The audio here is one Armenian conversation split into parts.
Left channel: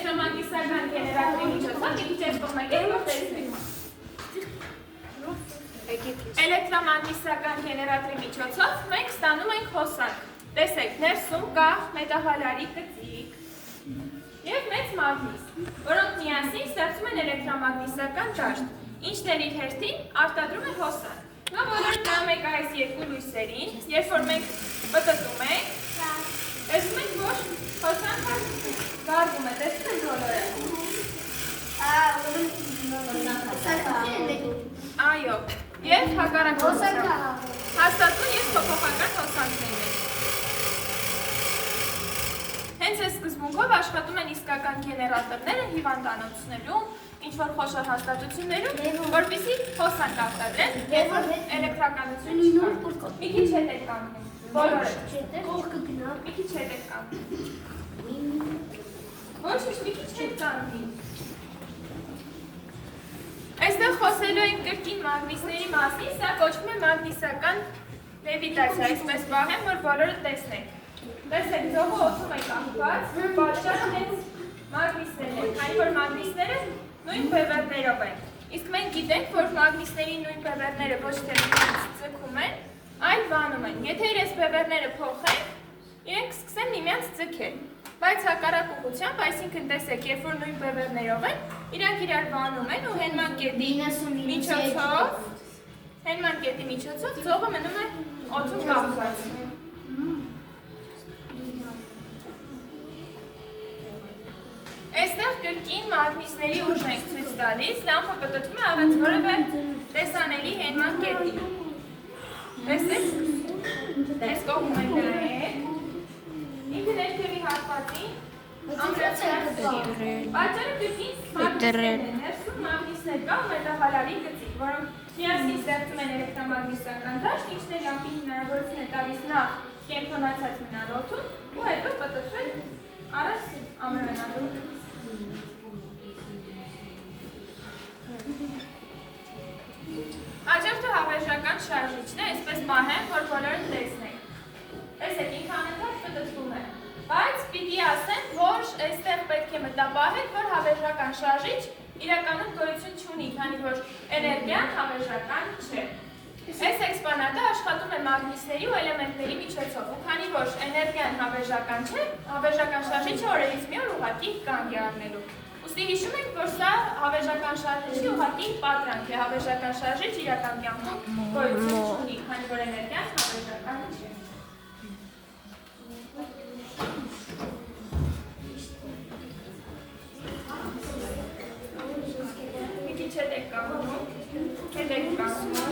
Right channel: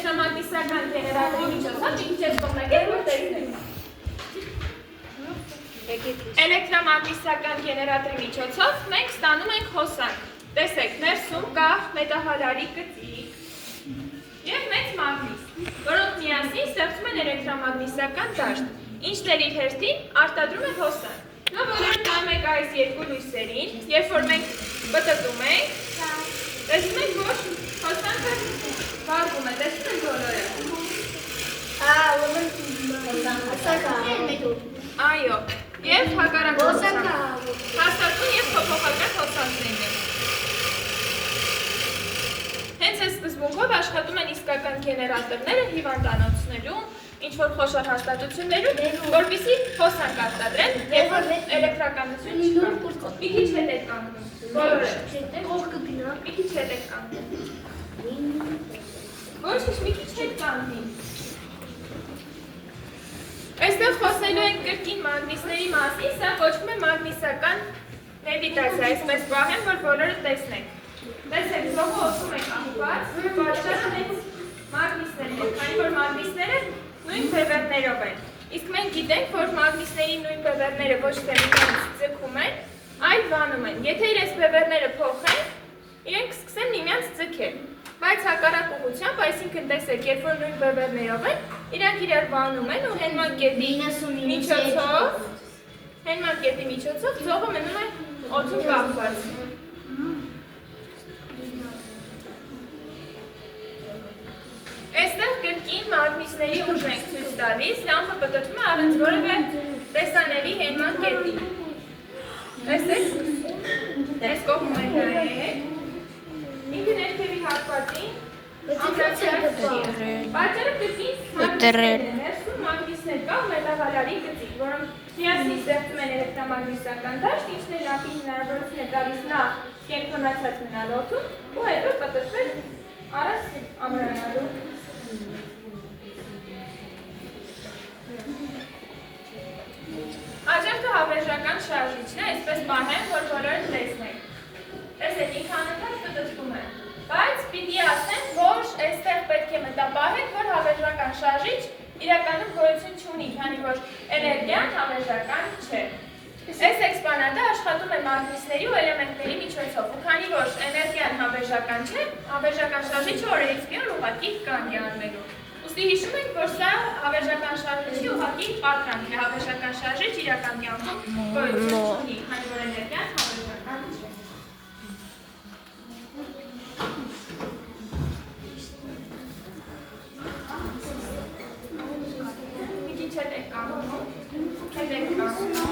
էլեկտրոմագնիսական գեներատորի միջոցով մի քիչ ես կողմեք եք, որ տեսնեք։ Էլեկտրոմագնիսական գեներատորի միջոցով մենք ստանում ենք հոսանք։ Տեսեք, ներսում կա մետաղալարի գծիկ և մեծ մագնիս, որոնք միասին ստեղծում են էլեկտրոմագնիսական դաշտ, ինչն էլ իր հերթին արտադրում է հոսանք։ Նա բոլորը նայում եք այս երկու լույսերին, երբ որ մենք պտտում ենք, տեսնում ենք, որ հոսանքը հարգում է, տեսնում ենք բոլորը։ Այո, և հակառակ հոսանք հաստատուն և փոփոխական հոսանքներն են։ Հենց այս սկզբունքով աշխատում են իսկական գեներատորները հիվանդանոցներում, ինչ-որ խոշոր հաստատություններում, որպեսզի հոսանք արտադրեն, երբ որ էլեկտրականություն չկա։ Մի քիչ հետ եք կանգնում, բոլորը։ Մի քիչ հետ եք կանգնում։ Ոչինչ, մի քիչ հետ կանգնի։ Այստեղ խոսելու ենք կրկին մագնիսների մասին, սա կոչվում է մագնիսական լևիտացիա, այսպես պահեմ, որ բոլորը տեսնենք։ Տեսեք, զոհը օդում է կախված, պատճառը հենց մագնիսներն են, քանի որ մագնիսները նույն բևեռներով են։ Իսկ մենք գիտենք, որ մագնիսների նույն բևեռները ոչ թե միմյանց ձգում են, այլ վանում են։ Եթե իրենց բևեռները փոխեն, իրենք սկսեն միմյանց ձգել։ Բայց հակառակ ուղղությամբ, այսինքն տեսեք, երբ որ նույն բևեռներով են, իրանք իրար վանում են ու հենման կետի միջոցով ձողը մնում է օդում կախված։ Այստեղ կրկին մագնիսների ուժ ենք ցույց տալիս, լամպը պտտվում է առանց որևէ տեսանելի հենման կետի։ Տեսեք, այս կողմում ենք դրել, ինքը ներքևի հատվածին ամրացրած պատճառը կրկին ներսում մագնիսներ կա ու մետաղալարի գծիկ, որոնք միասին ստեղծում են էլեկտրոմագնիսական դաշտ, ինչն էլ ապի հնարավորություն է տալիս նախ կենտրոնացած մնալ օդում ու հետո պտտվել առանց ամրանալու։ Աջերտը հավերժական շարժիչն է, այսպես պահեմ, որ բոլորը տեսնենք։ Տեսեք, ինքանընդհատ պտտվում է, բայց պիտի ասեմ, որ այստեղ պետք է մտապահեք, որ հավերժական շարժիչ իրականում գոյություն չունի, քանի որ էներգիան հավերժական չէ։ Այս էքսպոնատը աշխատում է մագնիսների ու էլեմենտների միջոցով, ու քանի որ էներգիան հավերժական չէ, հավերժական շարժիչը օրերից մի օր ուղղակի կանգ է առնելու։ Ուստի հիշում ենք, որ սա հավերժական շարժիչի ուղղակի պատրանք է, հավերժական շարժիչ իրական կյանքում գոյություն չունի, քանի որ էներգիան հավերժական չէ։ Մի քիչ հետ եք կանգնում, հետ եք կանգնում։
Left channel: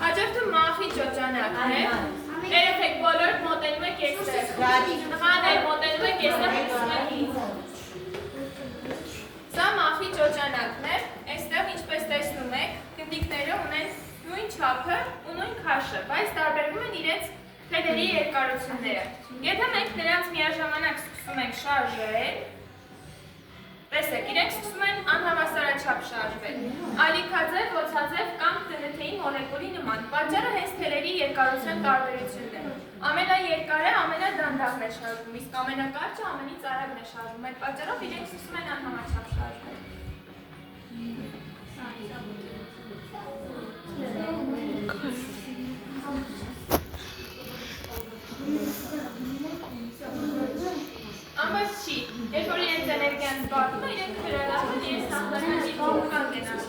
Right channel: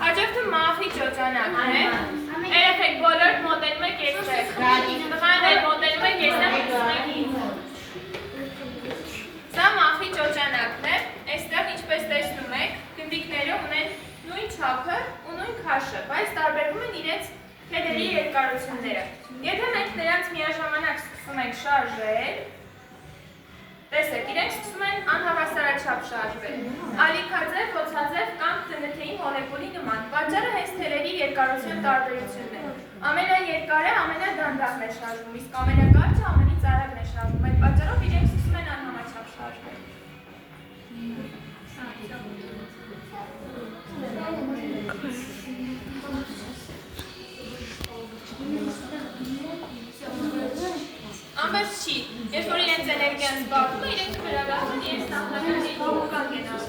Հաջորդը մախի ճոճանակն է։ Երեխեք բոլոր մոտենում եք այստեղ։ Տղան էլ մոտենում եք այստեղ ուզում եք ինձ։ Սա մախի ճոճանակն է։ Այստեղ ինչպես տեսնում եք, գնդիկները ունեն նույն չափը ու նույն քաշը, բայց տարբերվում են իրենց թելերի երկարությունները։ Եթե մենք նրանց միաժամանակ սկսում ենք շարժել, տեսեք, իրենք սկսում են անհավասարաչափ շարժվել, ալիքաձև, ոցաձև կամ TNT-ի մոլեկուլի նման, պատճառը հենց թելերի երկարության տարբերությունն է։ Ամենաերկարը ամենադանդաղն է շարժվում, իսկ ամենակարճը ամենից արագն է շարժվում, այդ պատճառով իրենք սկսում են անհամաչափ շարժվել։ Ամբողջ չի, երբ որ իրենց էներգիան զբաղվում է, իրենք վերադառնում են իրենց նախնական փոխանակ են անում։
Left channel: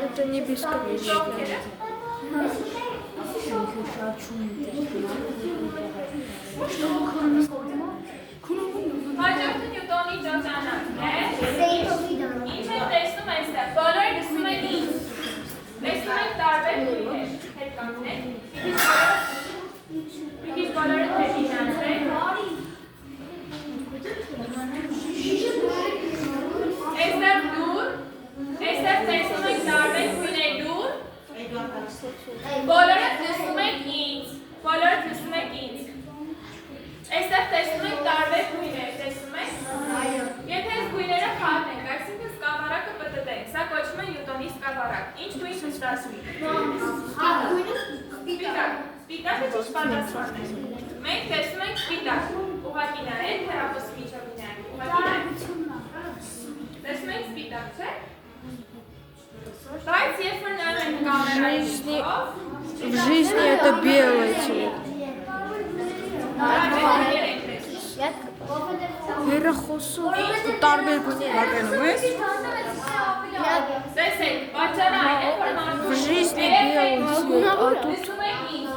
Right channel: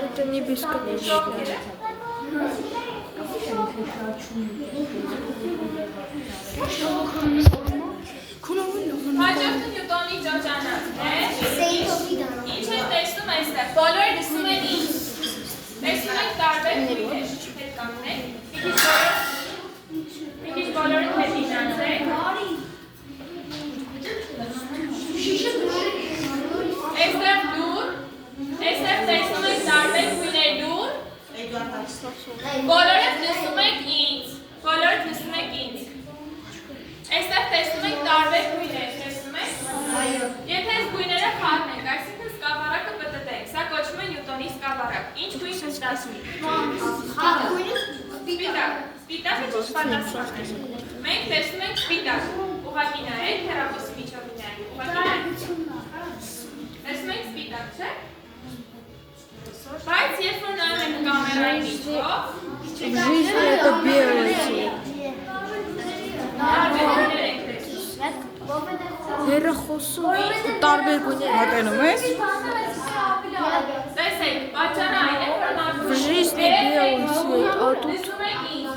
Это не бесконечно. Հաջորդը նյուտոնի ճոճանակն է։ Ինչ են տեսնում այստեղ, բոլորը լսում են ինչ։ Տեսնում եք տարբեր քույրեր, հետ կանգնեք, մի քիչ բոլորը հետ իջանցեք։ Այստեղ լուր, այստեղ տեսնում եք տարբեր քույրեր լուր, բոլորը լսում եք ինձ, բոլորը լսում եք ինձ։ Այստեղ տեսնում եք տարբեր գույներ, տեսնում եք։ Եթե այս գույները խառնենք, այսինքն սկավառակը պտտենք, սա կոչվում է նյուտոնի սկավառակ։ Ինչ գույն ստացվի։ Սպիտակը ճիշտ պատասխանն է։ Մենք տեսնում ենք սպիտակ, ուղղակի նայեք, հեռախոսի միջոցով նայեք, ուղղակի նայեք։ Տեսնում ենք սպիտակ, չէ՞։ Բայց երբ որ նայում ենք կամերայի միջոցով, В жизни это белый цвет. տարբերություններ ենք տեսնում։ Հեռախոսում տարբեր գույներ ակնում ես։ Տեսեք, պատճառը այն է, որ մարդու В жизни белый цвет, а тут տեսնում եք ինձ,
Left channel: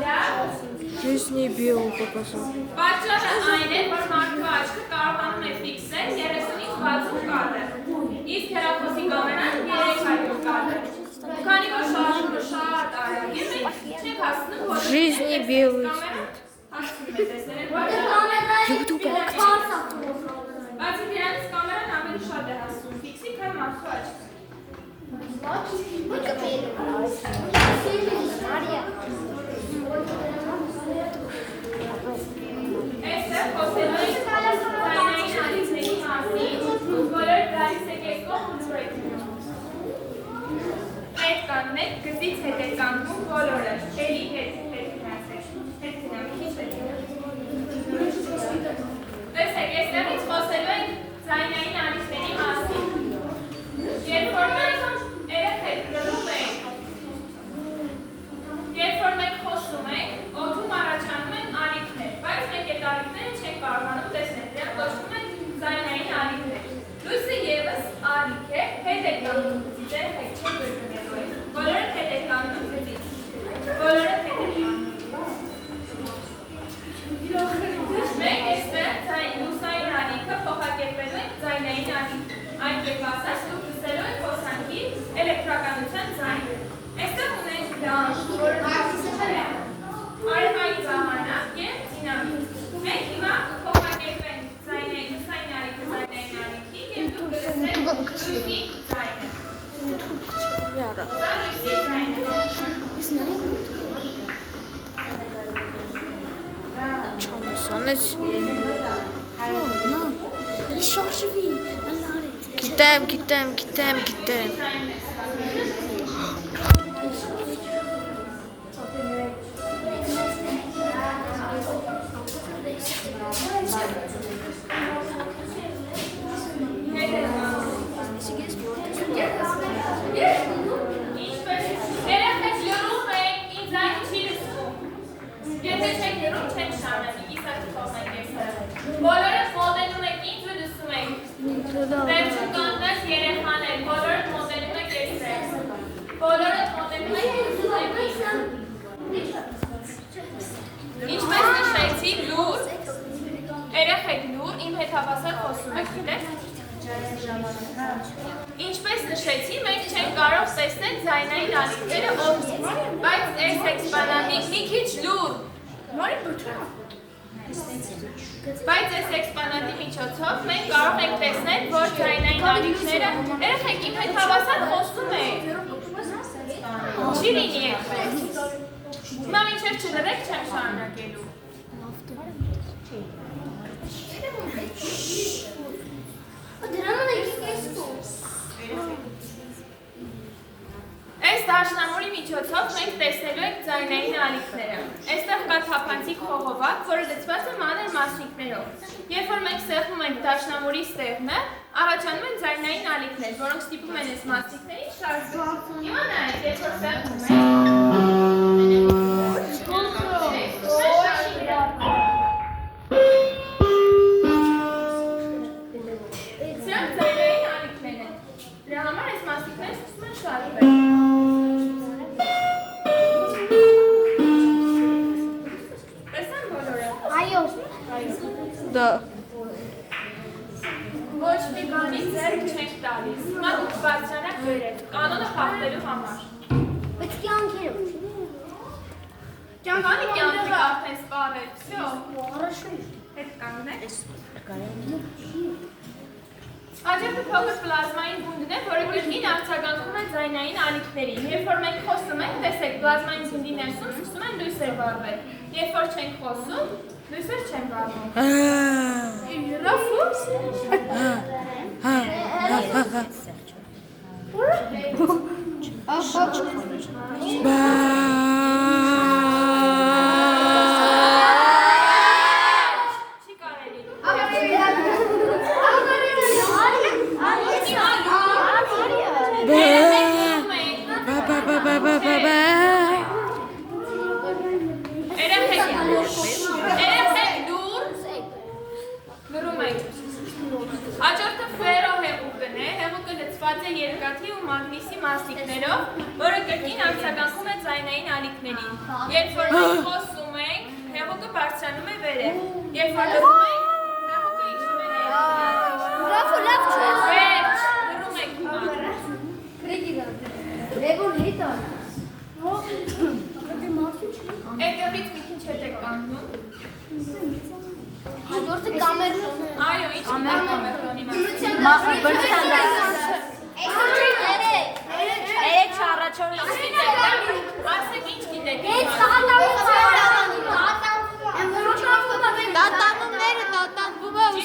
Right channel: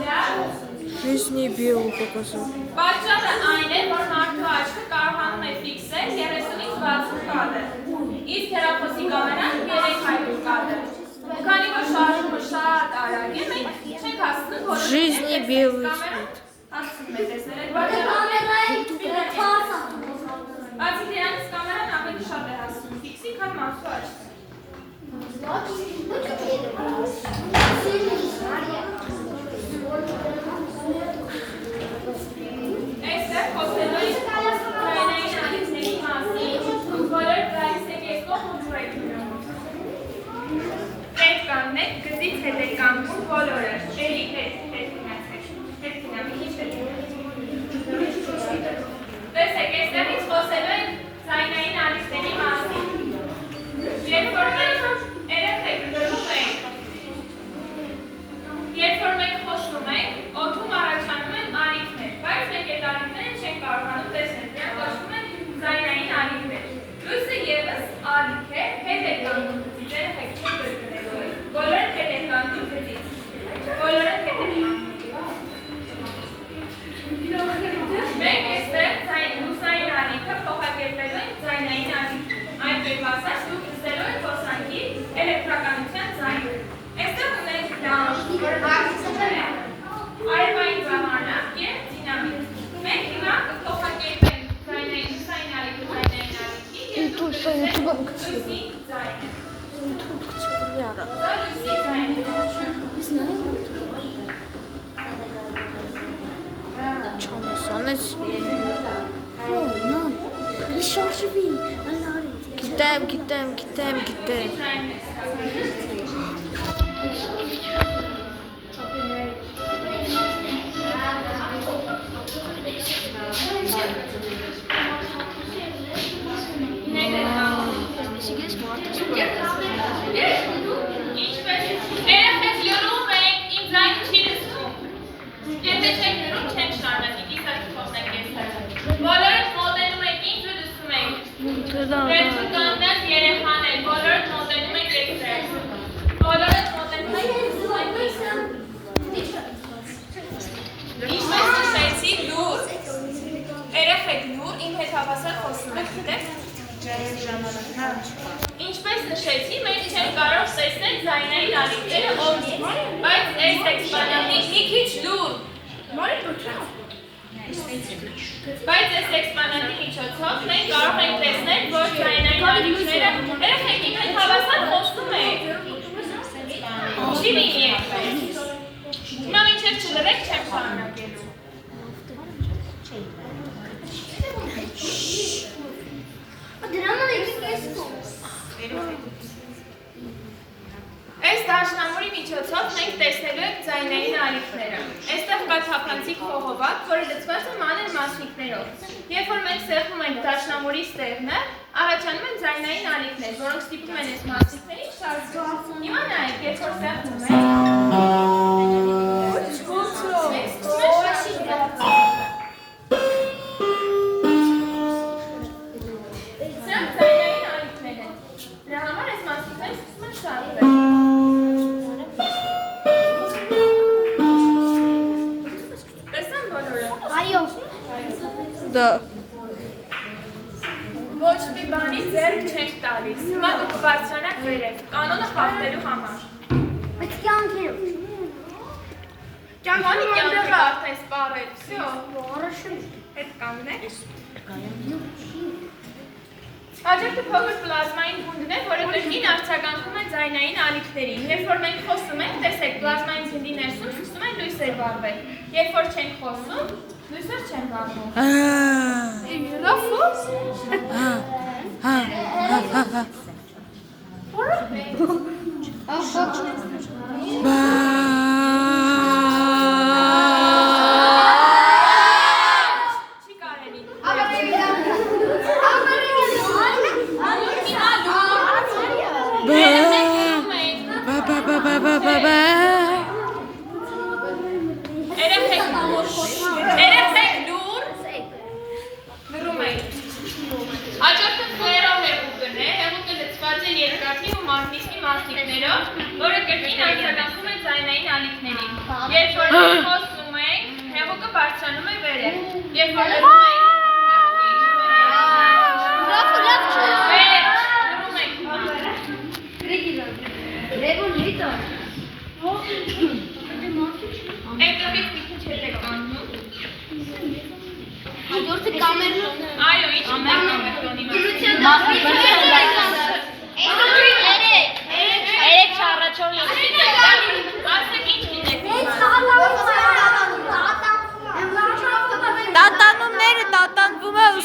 в жизни белый показал. պատճառը այն է, որ մարդու աչքը կարողանում է ֆիքսել 30-ից 60 կադր, իսկ հեռախոսի կամերան 300 կադր։ Քանի որ շարժումը շատ արագ է, մենք չենք հասցնում В жизни белый цвет. հասցնում է տեսնել այդ պատճառը։ Բացի դրանից կամերան ավելի շատ է հասցնում ֆիքսի, քան մարդու աչքը։ Այստեղ խոսելու ենք ձայնային ալիքների մասին, բոլոր դարիսեկեսկով ու ձուեկներում։ Հետ կանգնեք, գծից հետ է կանգնում բոլորը, էլի հետ գնացեք, հետ գնամ, քիչ հետ գնամ։ Տեսեք, այստեղից խոսելու ենք ձայնային ալիքների մասին։ Երբ որ մենք երեխեք գրում ենք, երբ որ մենք խոսում ենք, օդում առաջանում են ալիքներ, բայց մենք այդ ալիքները չենք կարողանում տեսնել, դրանք կոչվում են ձայնային ալիքներ։ Լույսը ևս ալիք է, հետ է կանգնում գծից, երեխեք չի գրգնելու, բոլորը հետ է կանգնում գծից, բոլորը հետ է կանգնում։ Մենք այստեղ լուսային ալիքը փոխակերպելու ենք ձայնային ալիքի, այն կերպասած դուք լսելու եք հոսանքի էլեկտրականության ձայնը։ Այստեղ ունենք լանջ, որ ակսում է արևային ժամանակ և դինամիկ։ Մենք հիմա կփոխակերպենք ձայնային լուսային ալիքը ձայնային ալիքի և դուք լսեք լույսի ձայնը։ Դա լույսի ձայնը։ Չամեսանես։ Գիտեմ։ Երեխեք լրում եք, իմ ձայնը չի լսվում։ Եթե չեք լրում, չեմ շարունակի, կիսակի թողնեք ես։ Բոլորդ մոտենում եք ինձ ու լսում եք։ Վերջում կանգնած երեխաներ, բոլորդ մոտենում եք այստեղ։ Բոլորդ մոտենում եք ու լսում եք ինձ։ Ինչպես նշեցի, լուր, երեխեք լուր, իմ հետ հավասար խոսում եք, գիտեք։ Ինչպես նշեցի, մենք չենք կարող տեսնել ձայնային ալիքները օդից, բայց այս էքսպանատի մի քիչ լուր։ Բայց այս էքսպանատի միջոցով մենք կարող ենք տեսնել, որ ձայնային ալիքները երեխեք իմ հետ հավասար խոսում եք։ Չի լինի այդպես։ Հիմա մինչև չլրեք չեմ շարունակելու։ Այս դաշնամուրի միջոցով մենք տեսնելու ենք ձայնային ալիքները։ Այստեղ կա թափանցիկ խողովակ, որը լցված է մանր մասնիկներով։ Երբ որ մենք սեղմում ենք դաշնամուրի ստեղնը, առաջանում են ձայնային ալիքներ, որոնք ստիպում են այս մասնիկներին շարժվել։ Հիմա նայեք, երբ որ սեղմում ենք, սրանք ձայնային ալիքներ են։ Դրա համար այս մասնիկները սկսում են շարժվել։ Տեսան բոլորը։ Да. Ոչ մի բանի ձեռք չենք տալիս։ Հիմա դուք բարձրանաք վերև, կանոնը խախտելու համար։ Ճամանի կյանքը արդեն սպառել, всё։ Հետ կանգնեք։ Հաջորդը փոքր պլազմային գունդն է, որը կրկին արձագանքում է ձայնային ալիքներին։ Երբ որ մենք խոսում ենք, տեսեք, պլազմային գնդի ներսում սկսում են լույսեր վառվել։ Երբ որ չենք խոսում, լույսեր չեն վառվում։ Բա Երեխեք լուր լռում եք։ Հաջորդը ֆերո հեղուկն է, հեղուկը լցված է երկաթի ու մագնիսի մասնիկներով, որը կրկին արձագանքում է ձայնային ալիքներին։ Երբ որ խոսում ենք, հեղուկը բարձրանում է վերև։ Երբ որ լռում ենք, Այդտեղից մի քիչ հետ եք անում։ Հաջորդը կամերտոն է։ Այո, ինչ է կամերտոնի Երեք չառաջորդ Ասեք ինչ գիտեք։ Տատանումները տատանվում է ու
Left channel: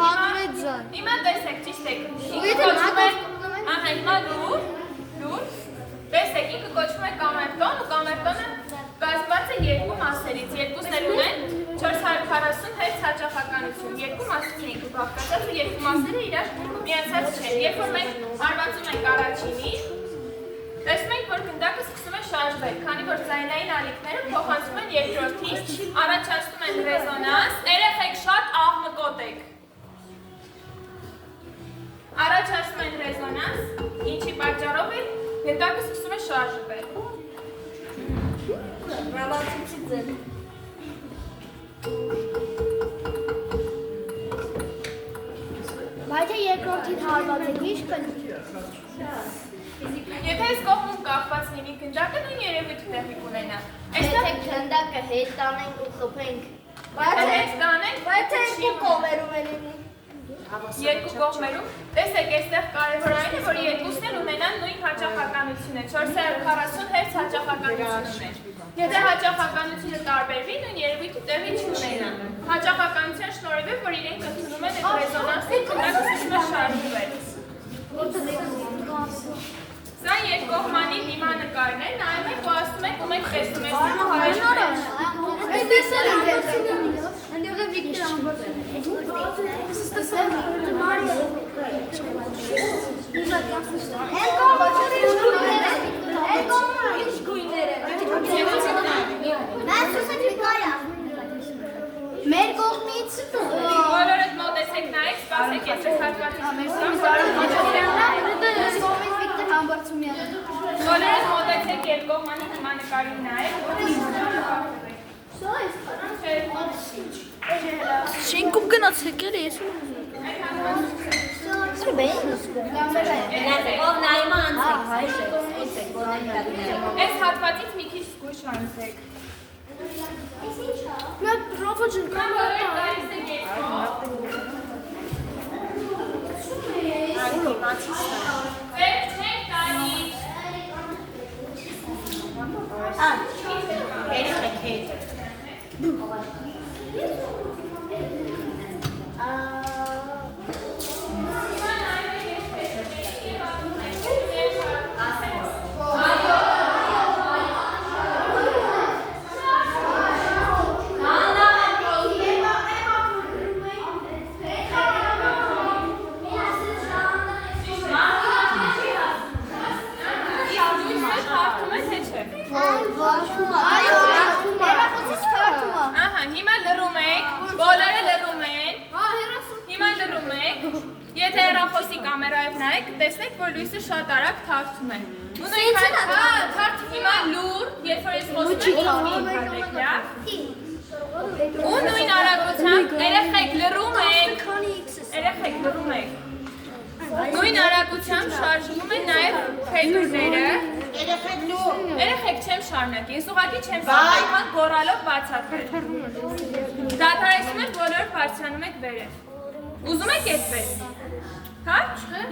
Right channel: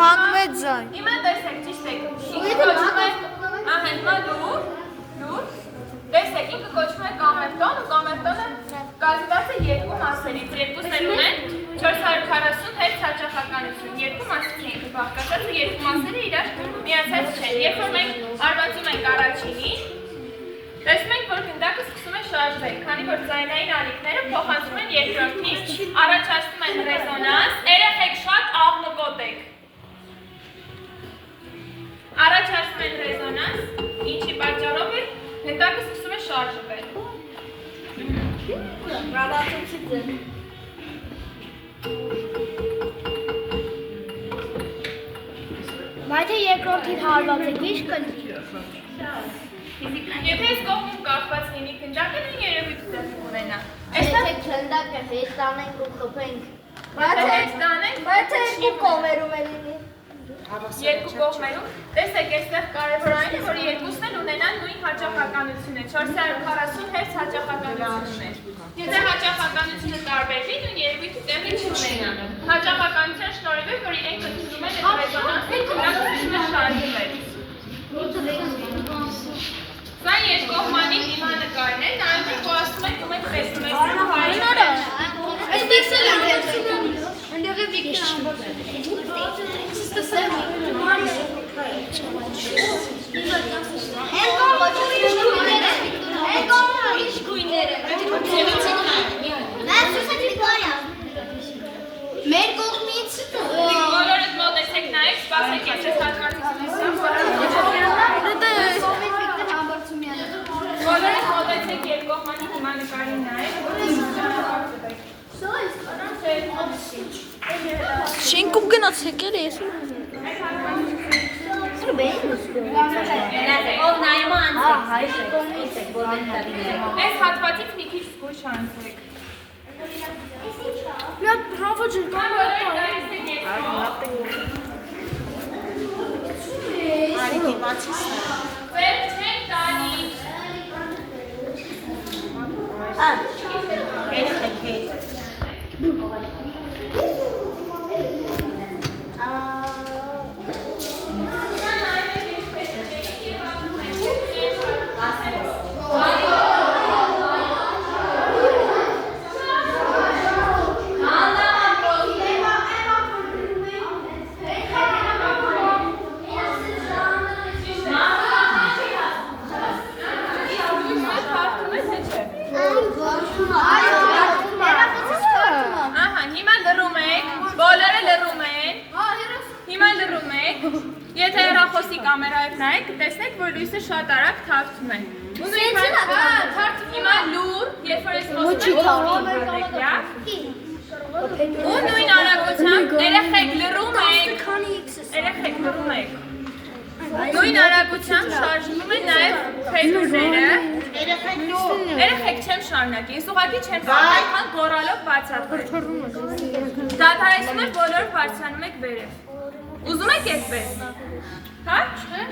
հանում է ձայն։ Հիմա տեսեք, ճիշտ եք։ Ահա, հիմա լուր։ Տեսեք, ինքը կոչվում է կամերտոն ու կամերտոնը կազմված է երկու մասերից, երկուսն էլ ունեն 440 հերց հաճախականություն, երկու մասից է ինքը բաղկացած ու երկու մասերը իրար միացած չեն, երբ որ մենք հարվածում ենք առաջինին, տեսնում ենք, որ գնդակը սկսում է շարժվել, քանի որ ձայնային ալիքները փոխանցվում են երկրորդին, առաջացնում են ռեզոնանս, երեխեք շատ աղմկոտ եք, առաջացնում են ռեզոնանս, ինչի պատճառով է գնդակը սկսում է շարժվել։ Ռավացուցի ձեր։ Բայց երկրորդին հարված է գիշ կնի։ Եթե այս կողմում կապված լինի գնդակը, նույն երևույթը տեղի կունենա։ Այստեղ գնդակը հետ տանենք ու խփենք։ Բայց հետ տանենք, Բայց երկու կողմերում է լինի։ երկու կողմերում, տեսեք, այստեղ կարևոր այն է, որ երկուսն էլ ունենան նույն հաճախականությունը, 440 հերց հաճախականություն ունեն։ Եթե հաճախականությունը տարբերվի, նույն երևույթը տեղի չունենա։ Հաճախականության շնորհիվ, որ իրենք ընդունում են ռեզոնանսի, դրանք սկսում է շարժվել։ Սա երկկողմանի դիմանկարն է, նայում եք ու ասում եք ու մեկ տեսնում եք հայրը։ Այստեղ էլ ընդեղ է վիկտոր ամբողջ։ Մեր կողմից Բոլորդ մոտեցեք նայեք, սպասեք, ես ես հատվածից նեսամ, բոլորդ մոտեցեք երկկողմանի դիմանկարին նայեք, Շենքում գնացեք էլ ես ու Այս հատվածից մի քիչ զգույշ անցեք։ Վերջ չեք տանի։ Ահա, հիմա լռում եք, բոլորը լռում են, հիմա լռում եք, եթե հեռախոսի կամերայով նայեք, կտեսնեք, որ լույսը շատ արագ թարթում է։ Հիմա լուր, երբ որ ես խոսում ու նույն արագությամբ, երեխեք լռում եք, նույն արագությամբ շարժվում են նաև փետուրները, երեխեք չեմ շարունակի, ես ուղղակի չեմ կարող, այնքան գոռալով բացատրել։ Դադարեցնում եք, բոլորը բարձրանում եք վերև։ Ուզում եք այդպես։ Հա?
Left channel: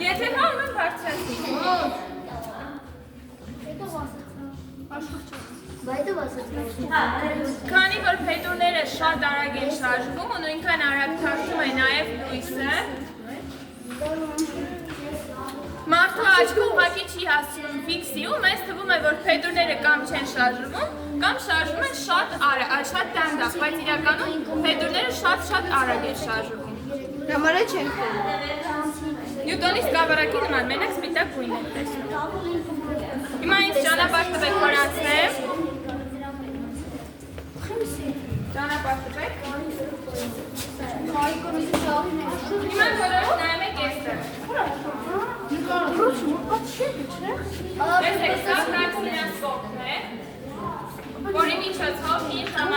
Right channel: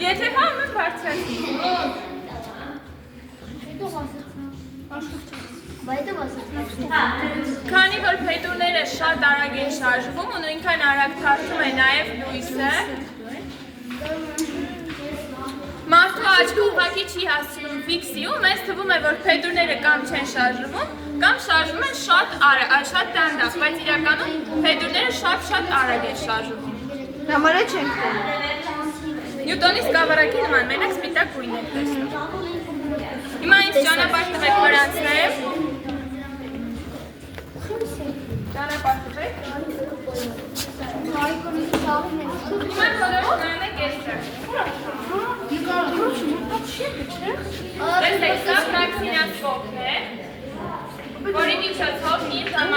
Եթե հա, ուրեմն բարձրացնի։ Քանի որ փետուրները շատ արագ են շարժվում ու նույնքան արագ թափվում է նաև լույսը, մարդու աչքը ուղղակի չի հասնում ֆիքսի ու մեզ թվում է, որ փետուրները կամ չեն շարժվում, կամ շարժվում են շատ դանդաղ, բայց իրականում փետուրները շատ արագ են շարժվում։ Համարը չենք Նյուտոնի սկավառակի նման, մենակ սպիտակ գույն եք տեսնում։ Հիմա ինձ ճանապարհ տվեք, որ անցնեմ։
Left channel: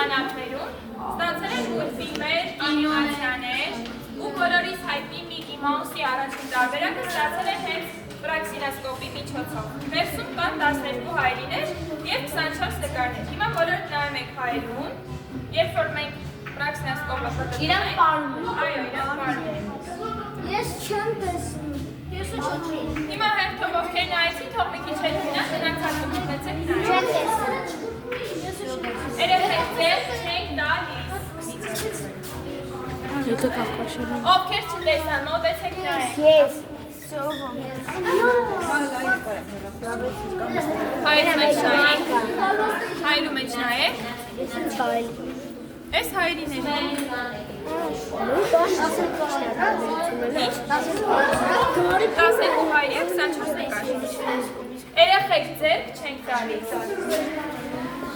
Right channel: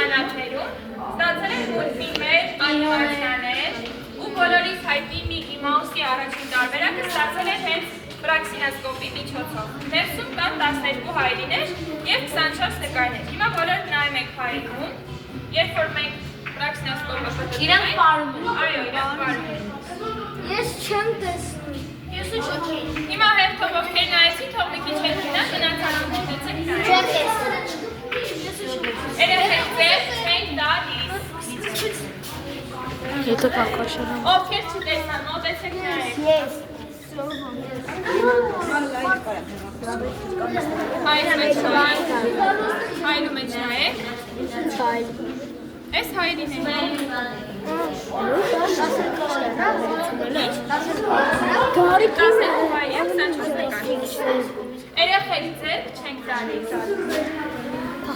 ժամանակներում ստացել են նույն ֆիլմեր, անիմացիաներ ու բոլորիս հայտնի Միկի Մաուսի առաջին տարբերակը ստացել են հենց պրաքսինասկոպի միջոցով։ Ներսում կան 12 հայելիներ և 24 նկարներ։ Հիմա բոլորդ նայում եք հայելուն, երբ որ մենք պրաքսինասկոպը պտտում ենք։ Իրանք պարում են։ Այո, իրանք պարում են։ Ես չեմ տեսնում։ Ես ու շոքի։ Հիմա հերթով ովքեր նայեցին, թող մի քիչ հետ գնան, գնացած ունեցեք նայեք։ Չեմ տեսնում։ Ես ու շոքի։ Երեխեք ձեր չենք տալիս։ Եթե կակաշան են։ Ովքեր չտեսան, մոտեցեք նայեք։ Ես։ Հայլու մեջ նայեք։ Այս հայլին է։ Դասել հայ և 24 նկար։ Երեխեք ձեր չենք տալիս։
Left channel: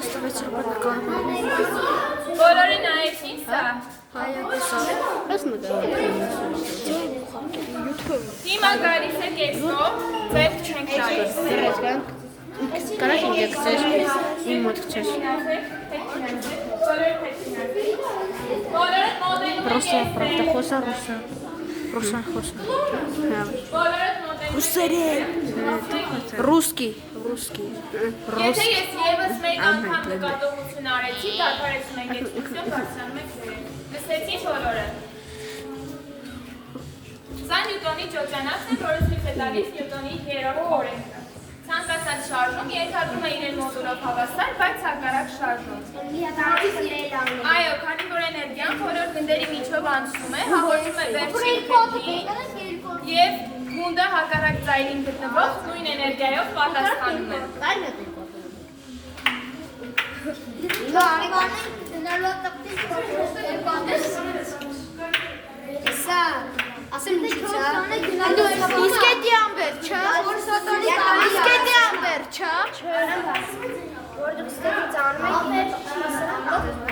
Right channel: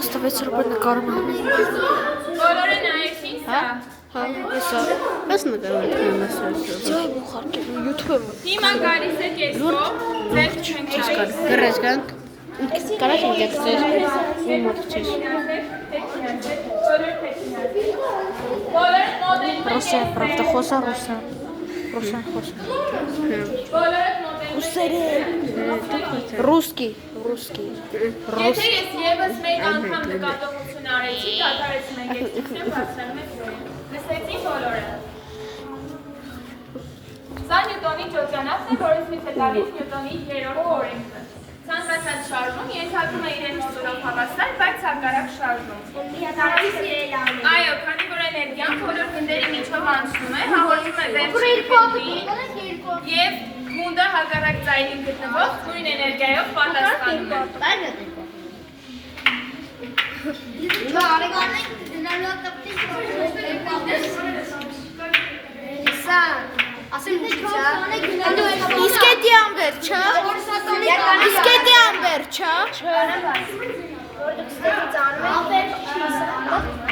16 րոպե նկարում եմ։ Բոլորը նայեցին սա։ Ես նկարում եմ Ձեր ուղարկել YouTube-ը։ Հիմա գալիս է կեսով, ձեր չենք տալիս։ Գրես գանք։ Կարաք ինձ եկցես։ Իմ մոտ չես։ Բոլորը մոդելում եք Ռուսա, правда, խոսա ռուսա։ Ռուսա խոսա։ Բոլորը մոդելում եք Ռուսկի։ Եթե ես ևս մեկ անգամ նկատողություն արեցի, դադարեցում ենք եկցությունը, բարձրանում եք ուրեք։ Լսեցի բոլորը։ Սա Նյուտոնի ճոճանախն է, որը ցույց է տալիս Նյուտոնի երրորդ օրենքը։ Ցանկացած շարժում ենթադրում է իրեն մոդուլով հավասար, բայց հակառակ շարժում։ Այո, քանի որ էներգիան բոլոր գնդերի միջով անցնում է, հաղորդում է վերջին գնդին և գունդը հակառակ ծայրին գտնվող նույն էներգիայով պատասխանում է։ Իսկ էդի ամբեր, չէ։ Իսկ էդի ամբեր, չէ։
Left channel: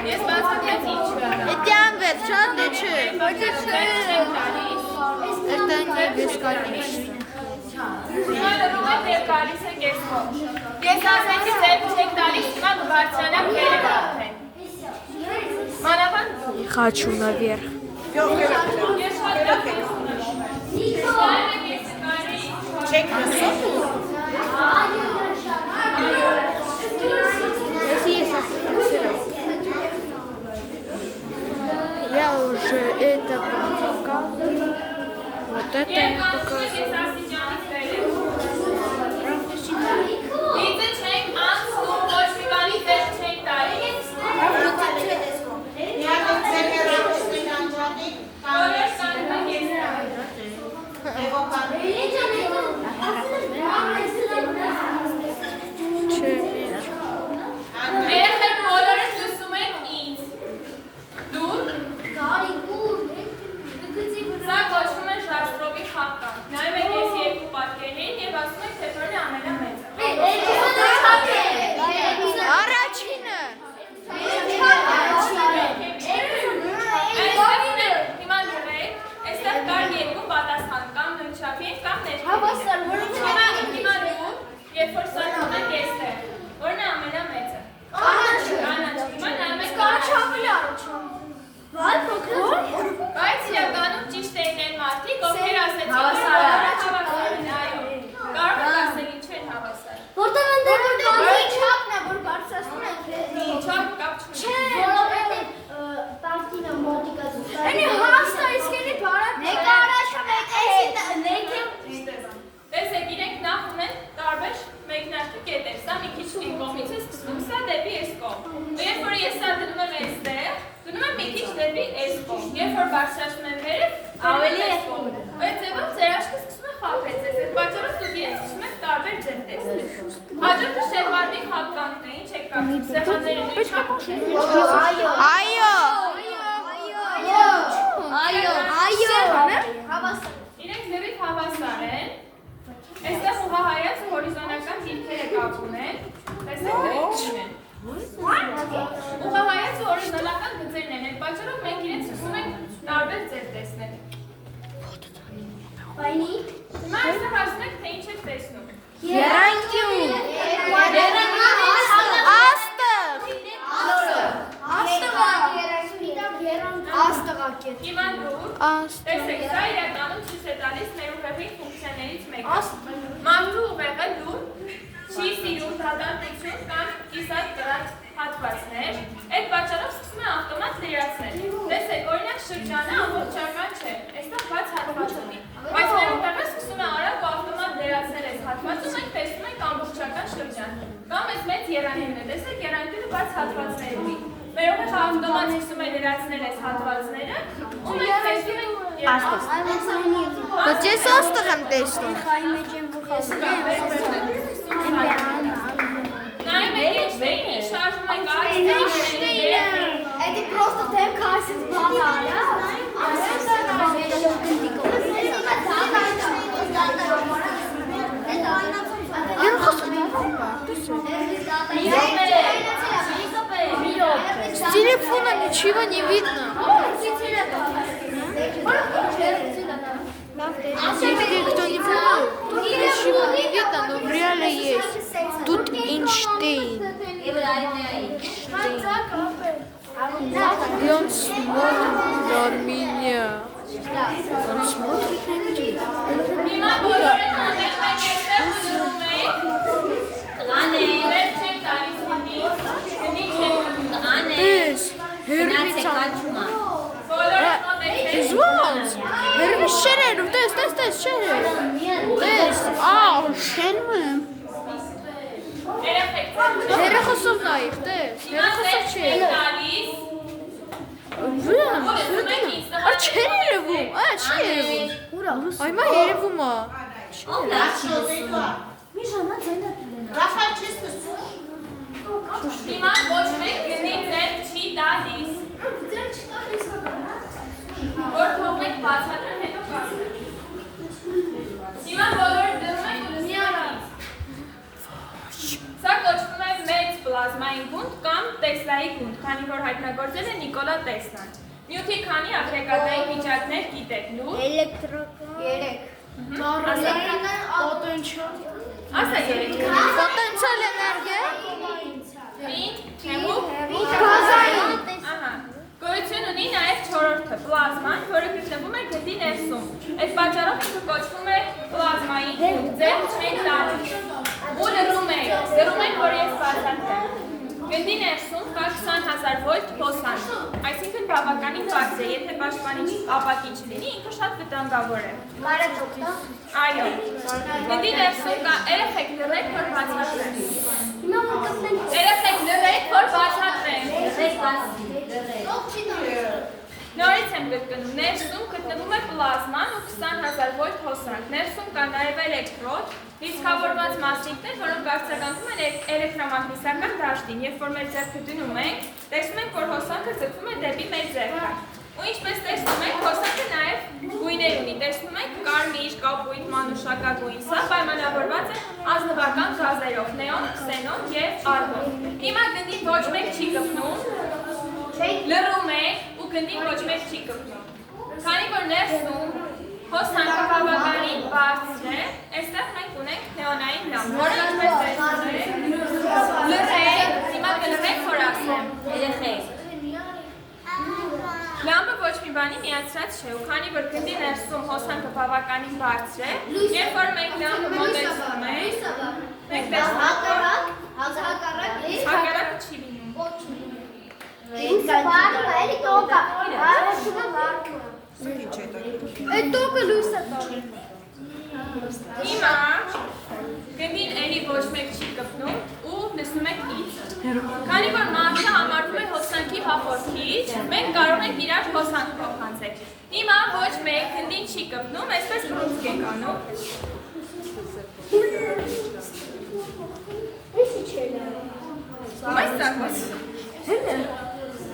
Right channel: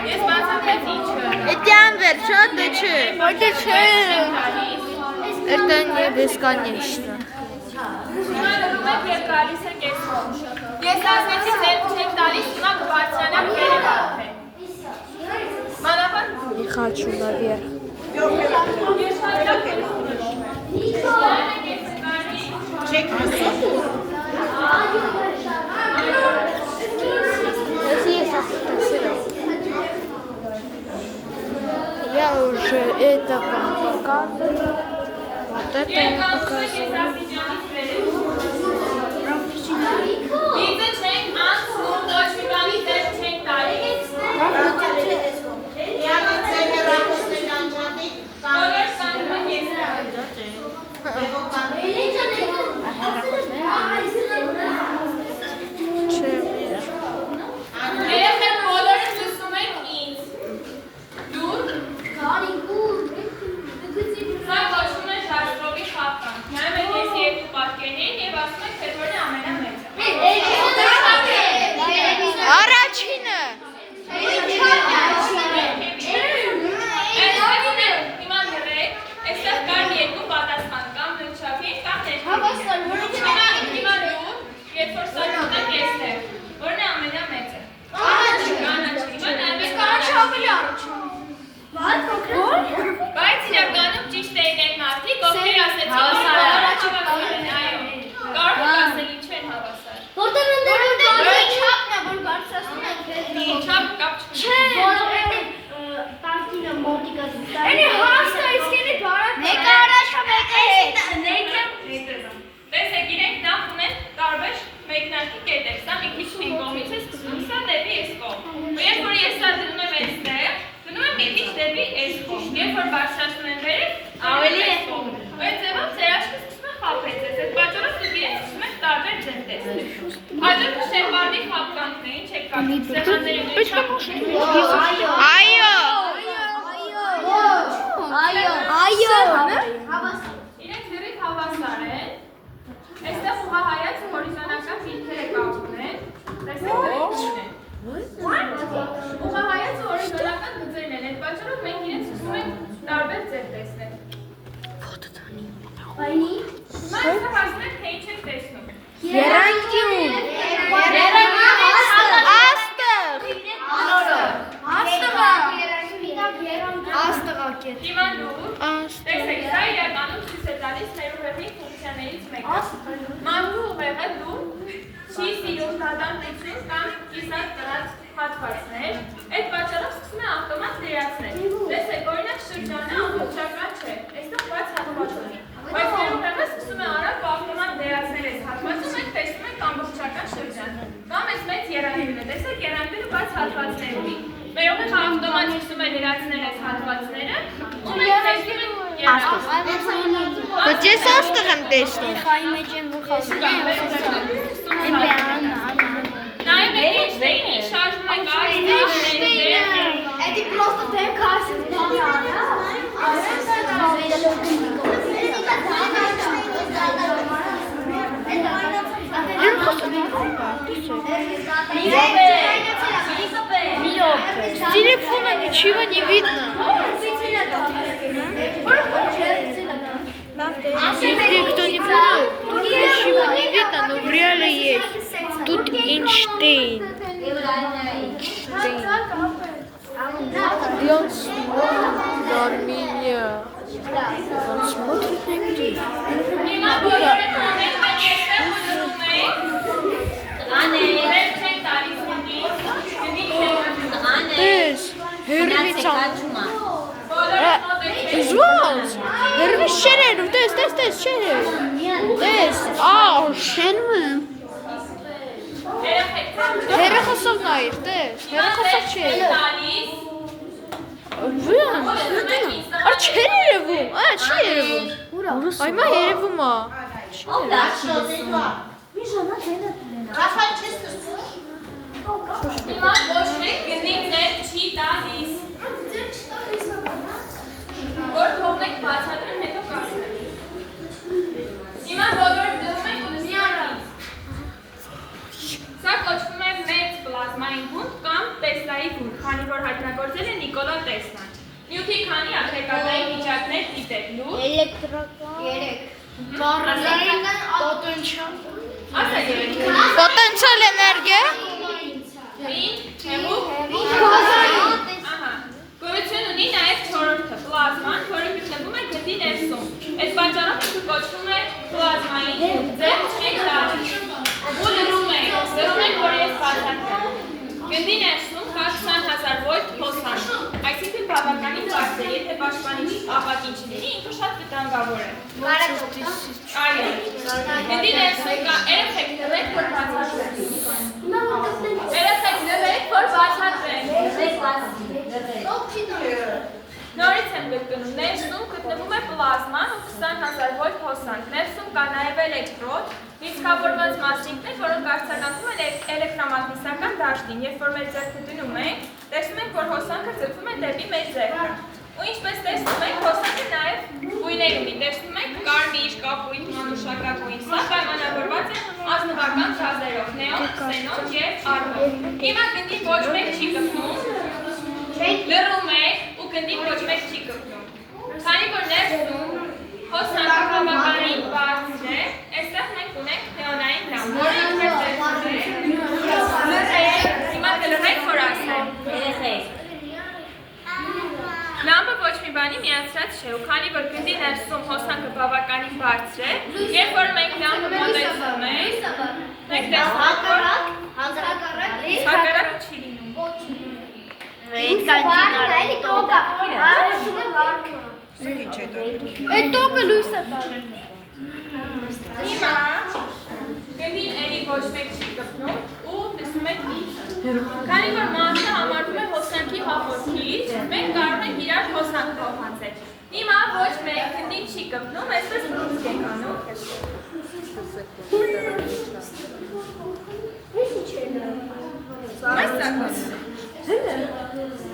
Ես բացատրեցի ինչը։ Էդի ամբեր, չէ, դե չէ։ Որտե չէ։ Это не бесконечно. Հիմա լրում եք և գալիս է կեսով։ Ես ասեցի ձեր չեք տալիս, հիմա կբարձրանամ երևանքեն։ Մանավանդ Не хочу наверх. Я уже это вам показываю. Вот это я показываю. Ինձ չենք անցնում, ոչ մի բանի ձեր չենք տալիս։ Բոլոր ստանում եք ես Երեխեք բոլորը լսում եք ինձ։ Դու Սա կոչվում է ժաշտրովի խաղկանք։ Նայում եք ես երկու պատկերներին և ասում եք, թե որն է ամենամեծը։ Առաջինը։ Հիմա դրեք, այստեղ կար երկու պատասխան, կամ նույնչափի, կամ ներքևի։ Հիմա դու, երբ որ սարքում եք եստեղ, որն է ամենամեծը։ Կանաչը։ Հիմա նայում եք Բայց իրականում ճիշտ էին այն մարդիկ, ովքեր ասեցին, որ բոլորը հավասար են, այո։ Կարող եք ասել ինչու են հավասար։ Չափ կապ Տեսեք, իրենք նախ ունեն տարբեր մեկնարկի կետեր, սա մի քիչ մի կողմից է սկսվում, սա դեպի այս կողմ։ Ու երբ որ ես սա դնում եմ այստեղ, դնում եմ մի քիչ դեպի այս կողմ։ Երբ որ բարձրացնում եմ վերև, ավելի այս կողմ։ Այդ ձևով ձեր աչքը սկսում է խաբեցես, այդ պատճառով դուք իրենց սկսում եք տարբեր ձև տեսնել։ Հաջորդը շեղբարների խաբկանքն է, ինչ եք կապում, սեղանների նույնչափ։ Իրենք ձևից հավասար են։ Այստեղ ուղղահայացը հորիզոնական դիրքերը կապում են, տեսեք դրեցին են։ Ուղղահայացը հորիզոնական գծերն են, այդ պատճառով մենք իրենց սկսում ենք տարբեր ձև տեսնել։ Հիմա այստեղ ասում եք, թե ինչ եք տեսնում։ Եռանկյուն։ Աստղ։ Տեսեք, սա իրականում ցույց է տալիս մեր ուղեղի ֆունկցիաներից մեկը։ Մարդու ուղեղը լու չի սիրում դադարեցնել կամ կիսատ կրած հատվածներ, այդ պատճառով սկսում է ավտոմատ լրացնել։ Տեսեք, օրինակ շրջանը ամբողջական չէ, այստեղ բաց հատված ունի, բայց մեր ուղեղը սկսում է արագ ու ավտոմատ լրացնել այս հատվածը, մենք տեսնում ենք ամբողջական շրջան։ Կամ այս մեծ երանգները, տեսեք, երանգները բաց հատվածներ ունի։ Մեր ուղեղը ավտոմատ սկսում է լրացնել այս հատվածները, ու մենք տեսնում ենք Բայց ես աստեղ եմ տեսնում։ Նայում եք Էյնշտեյնի շարժում ենք այս Это просто ТМК С телефона ничего не видно. Если кто не понял, тут ничего не видно, но в реале есть. Тут Эйнштейн. И он смотрит на меня. Он смотрит на меня. Тես, հերվիցան։ Զվոց, հերվից շերերում, տես, շերերում։ Տես, շենում եմ։ Հերախոսով նայր, տես, հերախոսով չէ։ Վեմ, չէր երևում, չի երևում։ Այմա երևում ա։ Հիմա ոչ մեկ գնիներ չի տալիս։ Որ թողնեք բացատրեմ, հետո կասեմ։ Հիմա բոլորը դնում եք ու լսիանից։ Սա կոչվում է մեծ պլազմային գունդ կամ Տեսլայի գունդ, քանի որ հայտնագործել է Նիկոլա Տեսլան։ Նյութի քանի ագրեգատային վիճակներ գիտեք, լու։ Պոտենցիալ էներգիա։ Գոյություն ունի նաև չորրորդը, պլազման, որը գտնվում է գնդի ներսում։ Այս պատճառով կոչվում է պլազմային գունդ, ձեր չեք տալիս։ Ու լրում եք, որ ես բացատրեմ։ Գնդի ներսում կա 20,000 վոլտ հոսանք, այսինքն բավականին բարձր է, եթե պաշտպանիչ ապակի չլինի, ինքը շատ վտանգավոր է։ Այո, գնդի ներսում կա երեխեք լրեք, որ բացատրեմ։ Երեխեք լրեք, որ բացատրեմ։ Նորից եմ գտնում, ներսում գտնվում է պլազման ու 20,000 վոլտ հոսանք, ներսում կա նաև էլեկտրոդ, լիցքավորված մասնիկներ, որոնք արձագանքում են էլեկտրամագնիսական դաշտին, երբ որ մեր ձեռքը դնում ենք, տեսնում ենք, որ հոսանքը ձգվում է դեպի մեր ձեռքը։ Ու ինչպես տեսնում ենք, հոսանքը նաև գույներ ունի, տեսնում ենք կարմիր, կապույտ, մանուշակագույն, սա պայմանավորված է ազնվական գազերով, նեոն, քսենոն և արգոն։ Հիմա գնդին ոչ մեկ չի կպնում, լռում եք ու գնդին ոչ մեկ չի կպնում։ Քանի որ ներսում հոսանքը բավականին բարձր է, այստեղ մենք ունենք նեոնային լամպ, որը ինչպես տեսնում եք, լռեք, հիմա կլռեք, որ ասեմ։ Լամպը ոչ մի բանի միացրած չէ, ու քանի որ գնդի ներսում հոսանքը բավականին բարձր է, երբ որ մենք լամպը մոտեցնում ենք, մենք տեսնում ենք, որ հակառակ չի լինում։ Այդ տոկը լույս է տալու։ Հիմա գնդին էլի ոչ մեկ չի կպնում ու լսում եք ինձ։ Քանի որ մարդը համարվում է հոսանքի հաղորդիչ, մենք կարող ենք իրար հոսանք փոխանցել։ Հիմա ոչ մեկ գնդին չի կպնում, այսպես ռուսք ենք անում։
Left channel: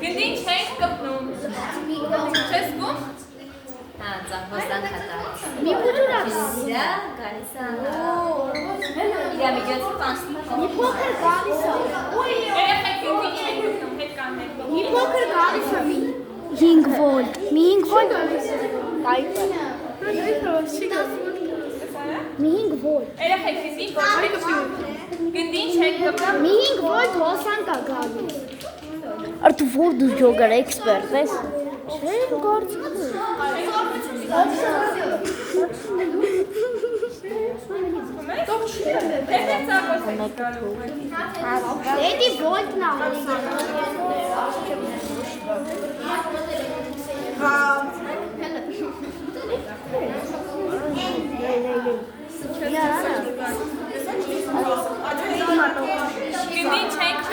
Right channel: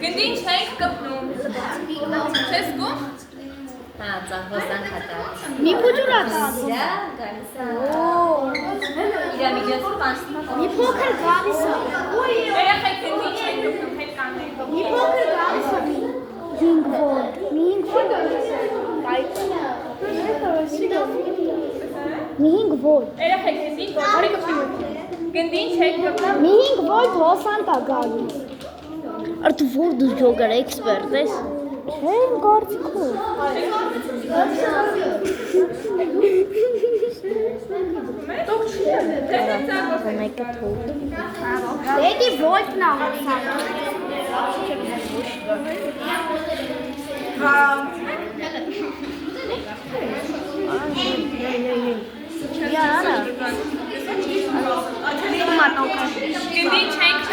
Գնդին չենք կպնում։ Չես գում։ Հոսանք հատած։ Մի փոքր Իրա գալիս է։ Իրա միջոցով անցնում է։ մի փոքր գալիս է։ Երեխեք գնդին չենք կպնում, հետ կանենք։ Մի փոքր գալիս է։ 5 վոլտ։ 5 վոլտ գալիս է։ 5 վոլտ։ Երեխեք գնդին ոչ մեկ չենք կպնում։ Գնդին չենք կպնում։ 5 վոլտ հոսանք է գալիս։ Artu Ford is jogar expert, yes? Չեմ գործիքով։ Մեկը թույլ։ Էդի վոլտն աղոսան։ Յարա։ Գնի չենք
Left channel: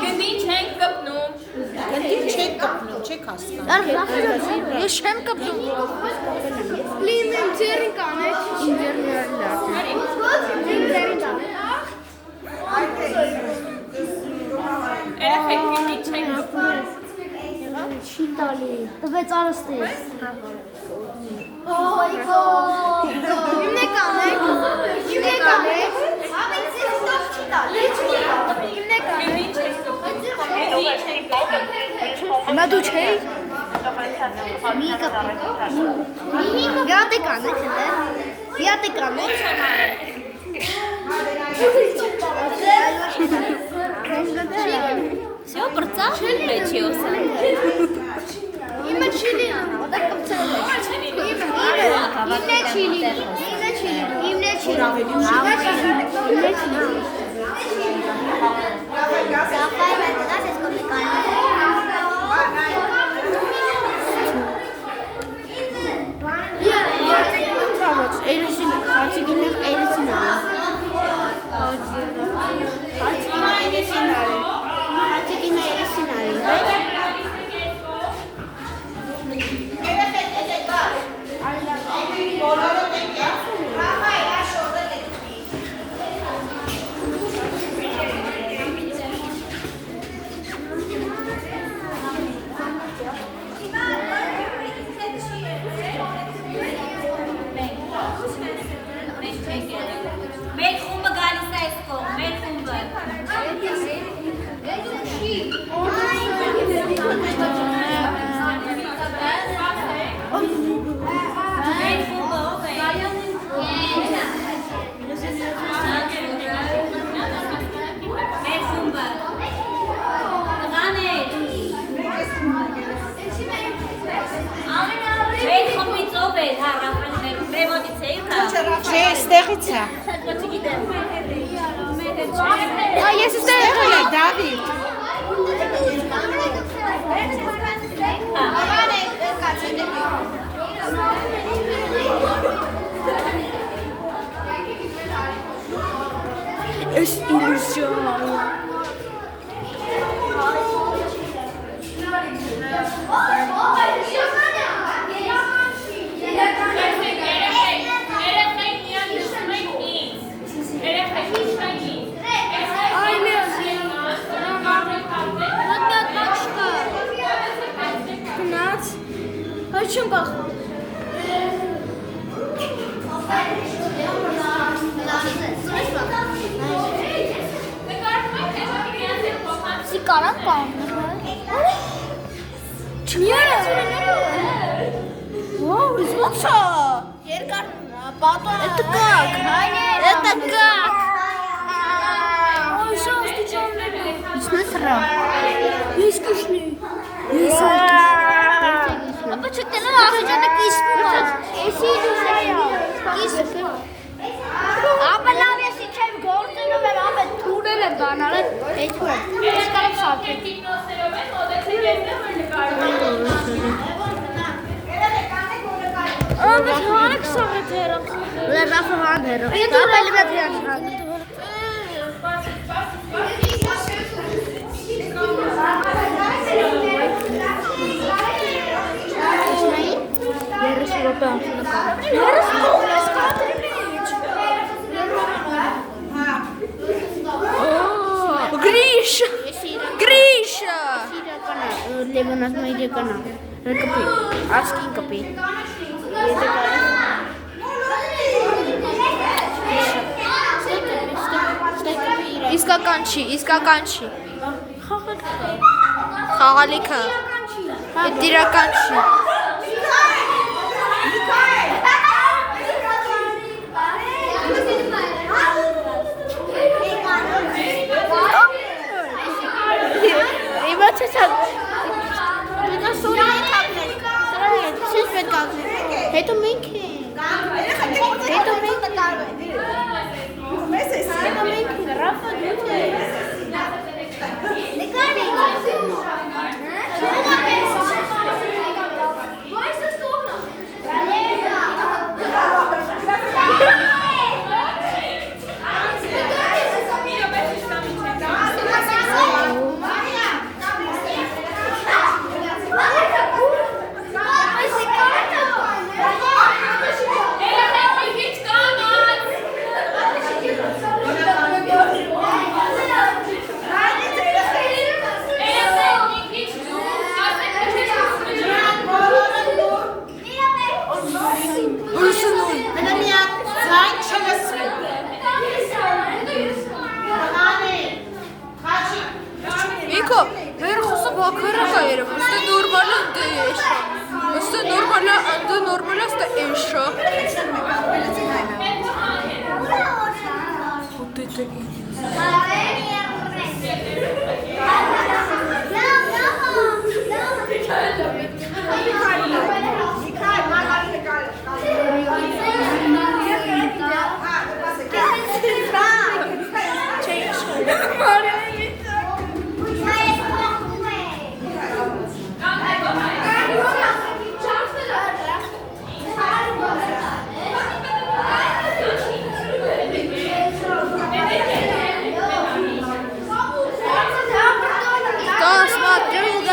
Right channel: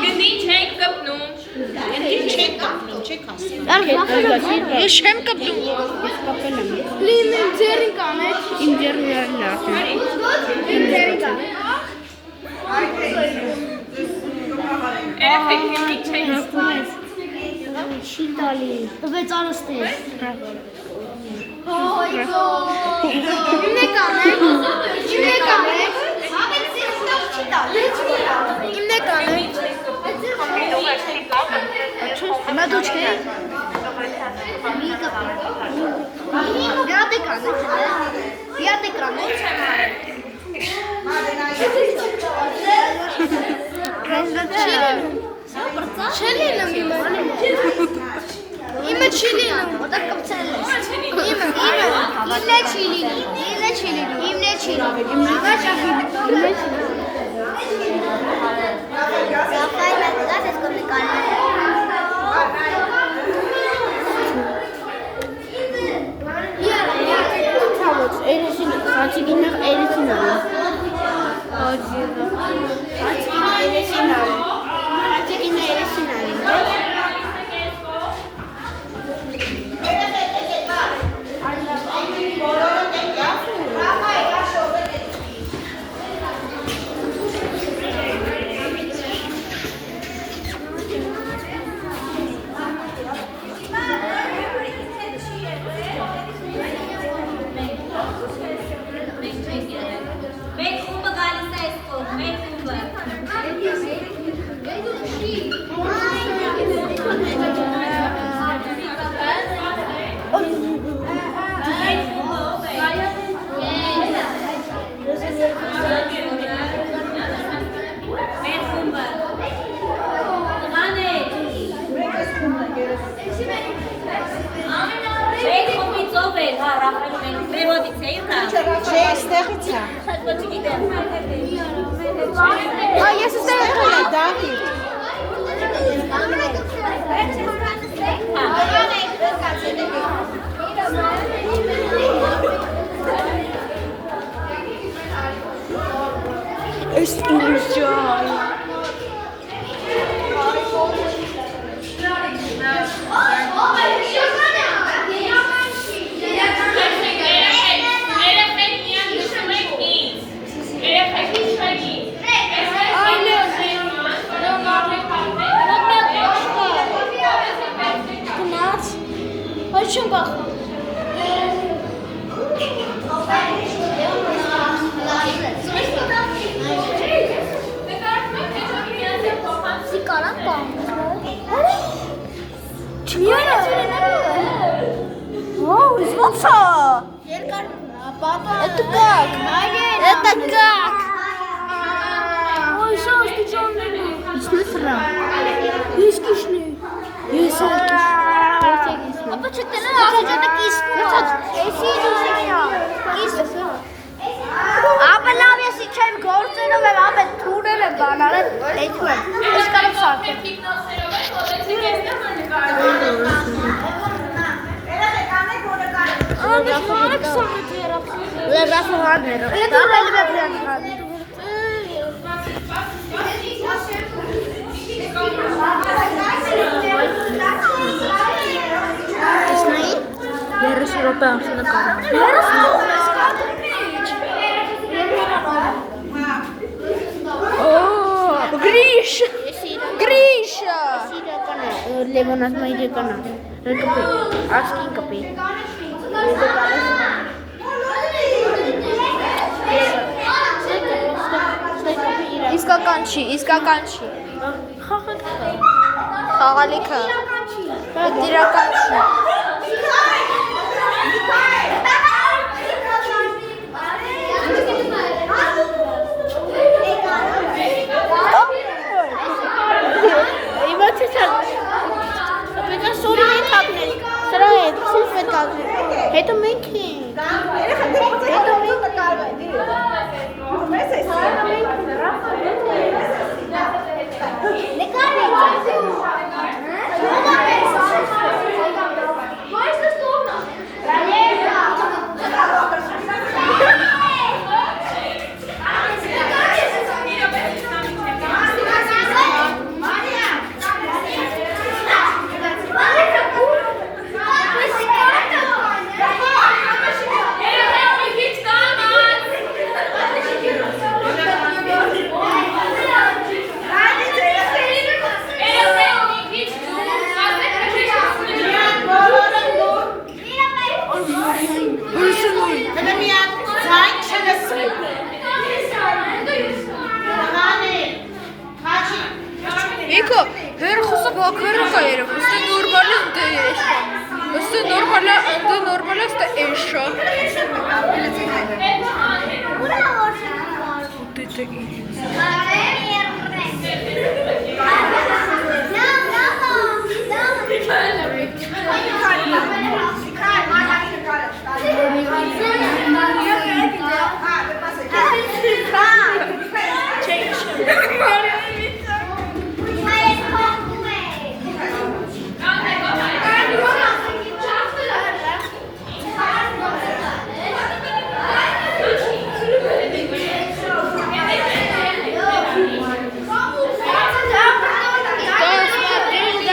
Գնի չենք կպնում Ես չեմ կպտում։ Երեխեք գնի չենք Շիտալի։ Տվեց արստի։ Նա դու չէ։ Մի կապի։ Վիատե կանեք, վիատե կանեք։ Իմը չի լինում, ոտակ կպցել ես։ Իմը չի լինում։ Կապայր մետգաս ես կոմնիկարներ։ Էրեսին, հաճիգինեղ էրեսին արի։ Հաճիգինը էրեսին արի։ Մեկ խումբը գալիս է այս կողմ, մեկ խումբը։ Չէ, ստեղից է։ Ես ստեղ եմ, Դավիթ։ Ես ինժայ։ Չեմ բախ։ Սիկանա կամ։ Вау, ոնց է։ Երկար պատո։ Это как? Это как? Ой, шо, стучանները։ Ինչն է սրա։ Ես կիշնի։ Ես ալկիշ։ Ապա չտենա աղջանը կիսպում։ Էսի դուսայա։ Կիսպում։ Ապա լավ ես իչեմ գործերով եմ ամեն թուրել եմ բանարել, հետում եմ։ Ես կարամ սարքեմ։ Լրաֆաները։ Դա բելի բեպրիան։ Երս Եվրոպա անցնը կարամ։ Գրիշա։ Գրիշա։ Լևոնատ մայրեկանա։ Կպի։ Ասկին կպի։ Իսկական չի, իսկական չի։ Խաղալիքը։ Այդ դիրական չի։ Հետո մենք ենք։ Հետո Իքո, վեր խոսը բակերը կայերև, ուստի նորմալ են դե էշա, ուստի նորմալ է ստե էշա։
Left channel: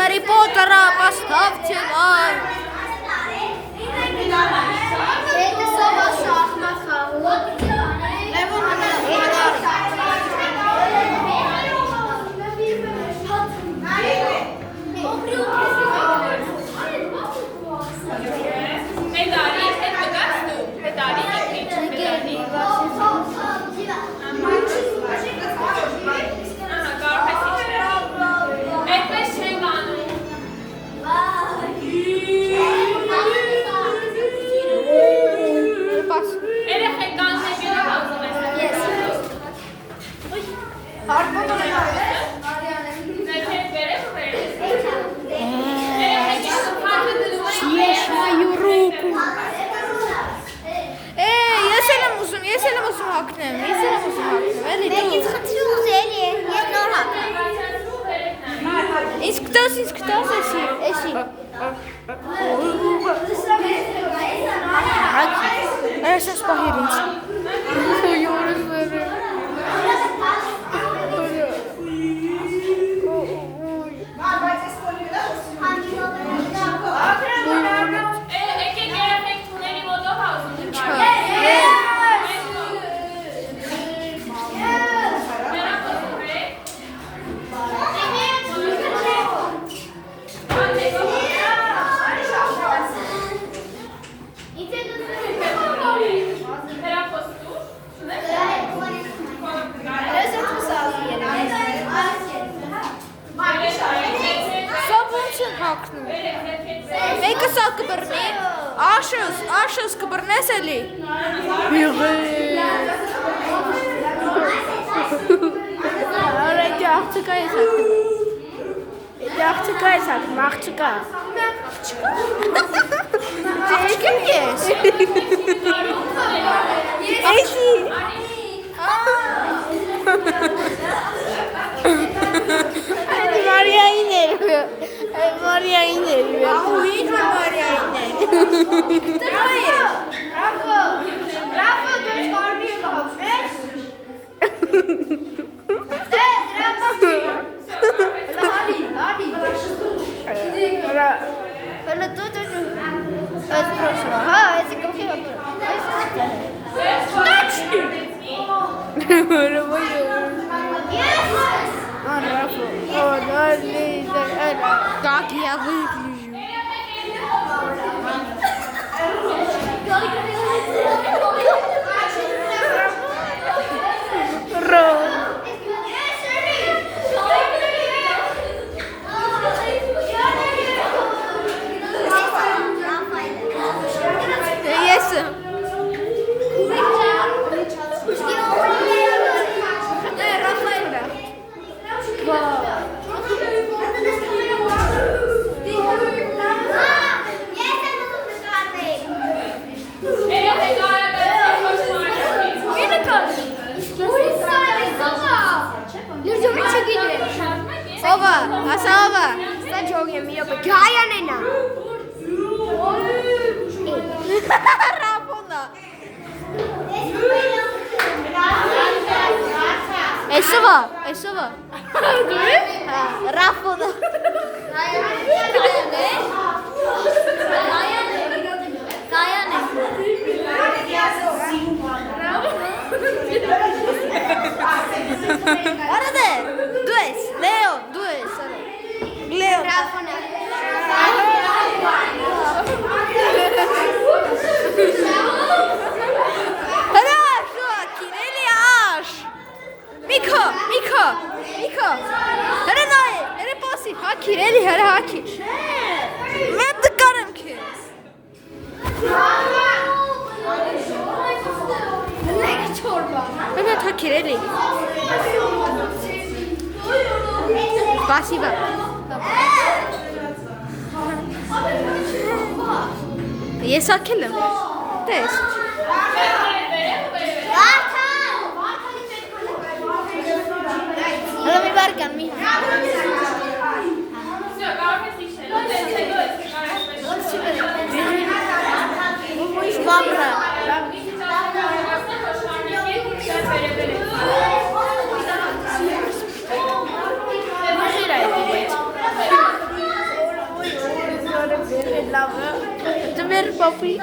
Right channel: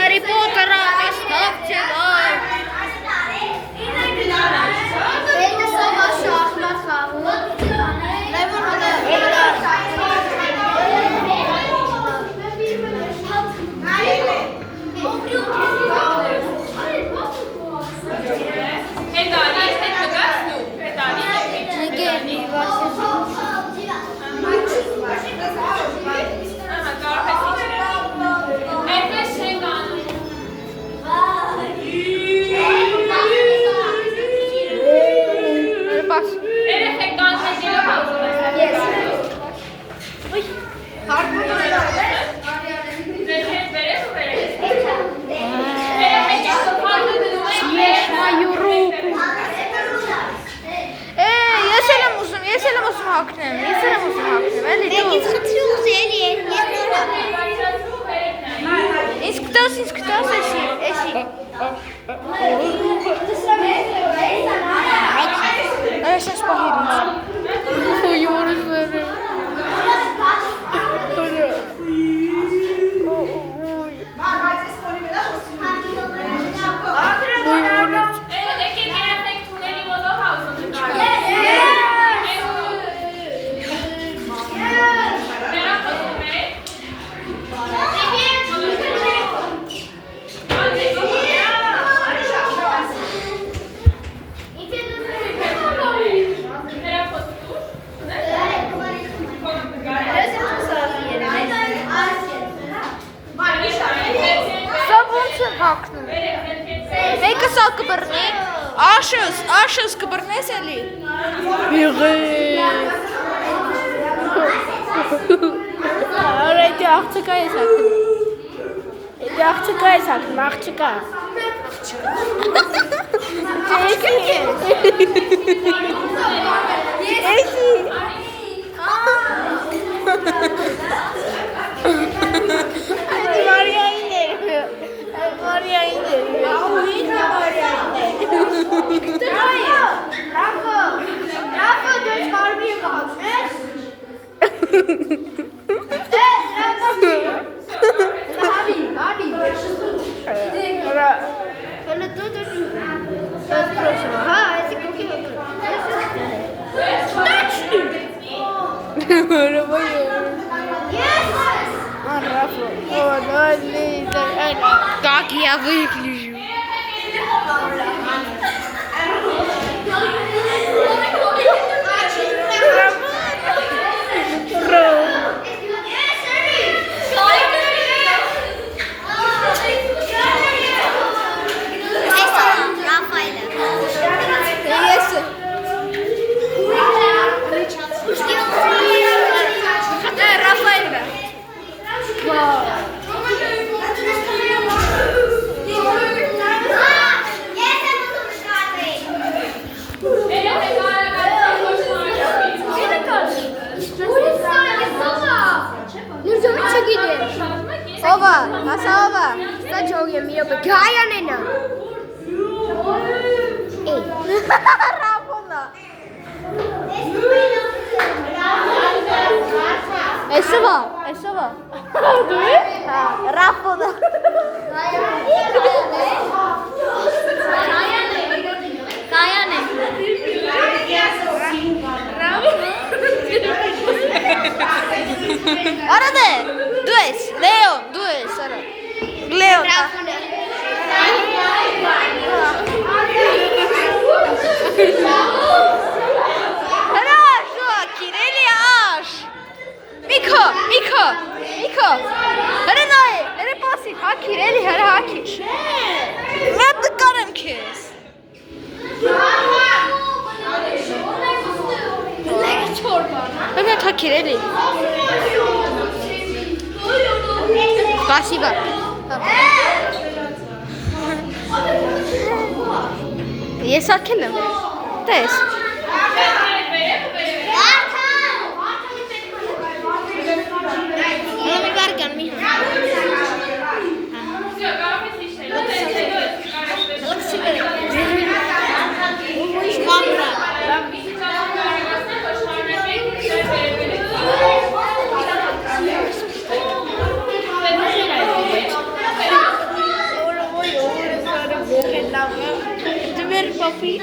Гарри Поттера поставьте лайк. Իսկ քտոս էսի։ Այս սպահիրից։ Ոյորս վերը։ Մեկը սա կբռնի, աշս կբռնես էլի։ Արա էդի աղջկա ես ակտում։ Էդի աղջկա ես ակտում, աղջկա։ Էսի ես։ Էսի։ Էդի Մարիային էր։ Մարիային էր։ Ուհիկա Մարիային էր։ Ռաֆը դες կարմի է կաղաց։ Как я выгляжу? Սավա։ Ստա ջոգի մի րոպե։ Գայան է նա։ Ռապոնա։ Էսովա։ Դու է։ Հա, ռապոնա։ Կայան է։ Արա դե։ Դու ես, Լեոն, դու ես, արա։ Լեոն։ Հրաշ, կիրելի աշ։ Միքո։ Հրե նայ, հրե պասի, հակիր, էլի հրե հակիր։ Մատ դկարեմ քեզ։ Հրե հակիր, էլի։ Спасибо. Ես ակել եմ։ Տես։ Հələ մի բարկան մի։ Դու մեր պապի։